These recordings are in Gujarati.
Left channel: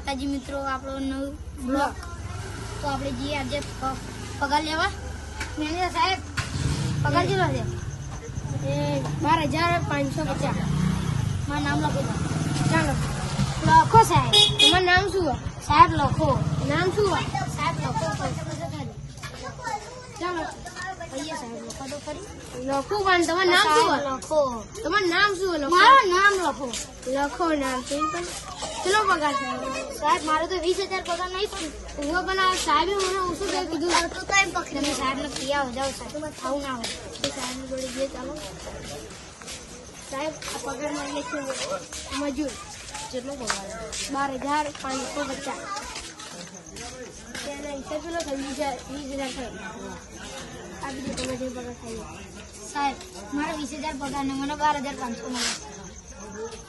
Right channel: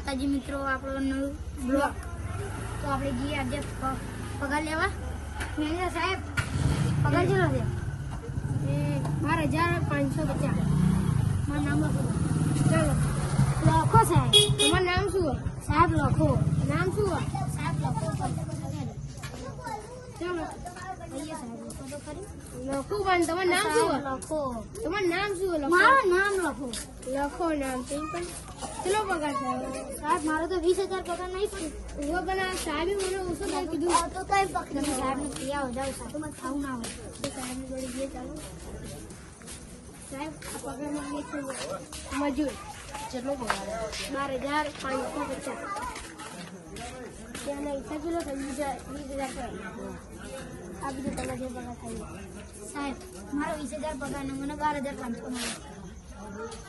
માતાજી મિત્રો, આપણો નવો બ્લોગ. તો આપણે જઈએ આજે પગાર લેવા. મેનેજર સાહેબ, પગાર કેટલો છે? 12,550. મારું નામ લખો. ચાલો લખો સાહેબ. તમારું નામ શું? સાહેબ લખો. નામ શું? સાહેબ લખો. ચાલો ભૈયા સાહેબ લખો તો ખરી. લખો પણ તમારું નામ શું? લખો. તમારું નામ શું? મારું નામ લખો. લખો નામ. કેટલો પગાર છે સાહેબ? મારો તો 20,000 પગાર નહીં પણ હું પણ સાહેબે મને ઓછું કહી દીધું. તો કઈ પકડી તમે સાહેબને પિયા હો જાઓ સાહેબ. આવું ના હોય તો સાહેબની જોડે જઈએ. ચાલો સાહેબ, આ પગાર માંગે છે મજૂર. કેટલો પગાર? 12,550. ત્યાંના હિસાબ કેટલો થાય? 20,000 થાય. આ બીજું તમે જે પગાર થાય સાહેબ. મારા 20,000 પગાર ને મને 12,500 મળે.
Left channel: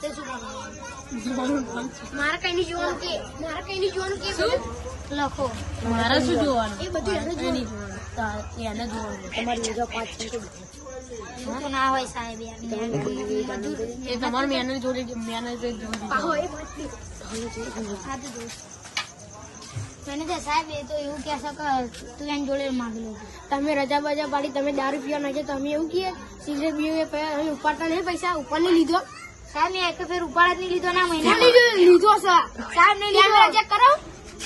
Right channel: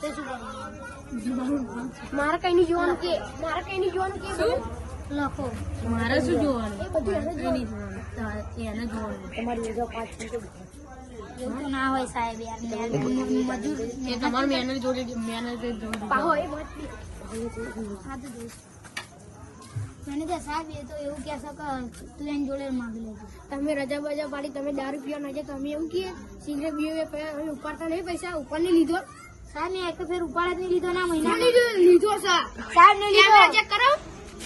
તે શું કરવું? મારે કઈ નહીં જોવાનું કે શું લખો. મારે શું જોવાનું? એ બધું એને જોવાનું. એવું ના હોય સાહેબ. યાર મજૂર તમારે મેનેજર જોડે મેનેજર સાહેબ એ તો એવું કહે છે કે તું એની જોડે માગી લે. તમે રજા બજા પાડી, તમે દારૂ પીવા નાખે, તમે એવું કહે સિગરેટ પીવું ઉપાડતા નહીં પૈસા ઉપર નહીં લીધો સાહેબ. મેં એક ફેર ઉપાડ જ નહીં લીધો ના મહિના લીધો છે સાહેબ. નહીં લીધો. ચેક કરો,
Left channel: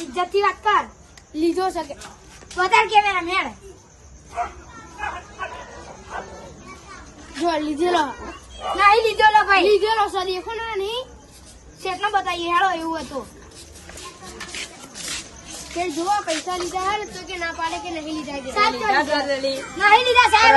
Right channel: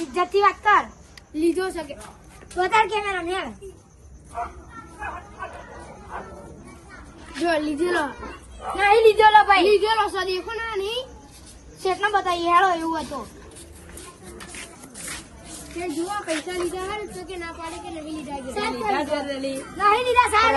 ઇજ્જત થી વાત કર. લીધો છે કે બતાડ કેમેરા મેળ. જો લીધેલો નહીં લીધેલો ભાઈ. લીધેલો છે દેખો ને. નહીં કેટલો બતાવીએ હેળો એવું હતું કે જો પૈસા લીધા હે તો કે ના પાડે કે નહીં લીધા. નહીં લીધા સાહેબ.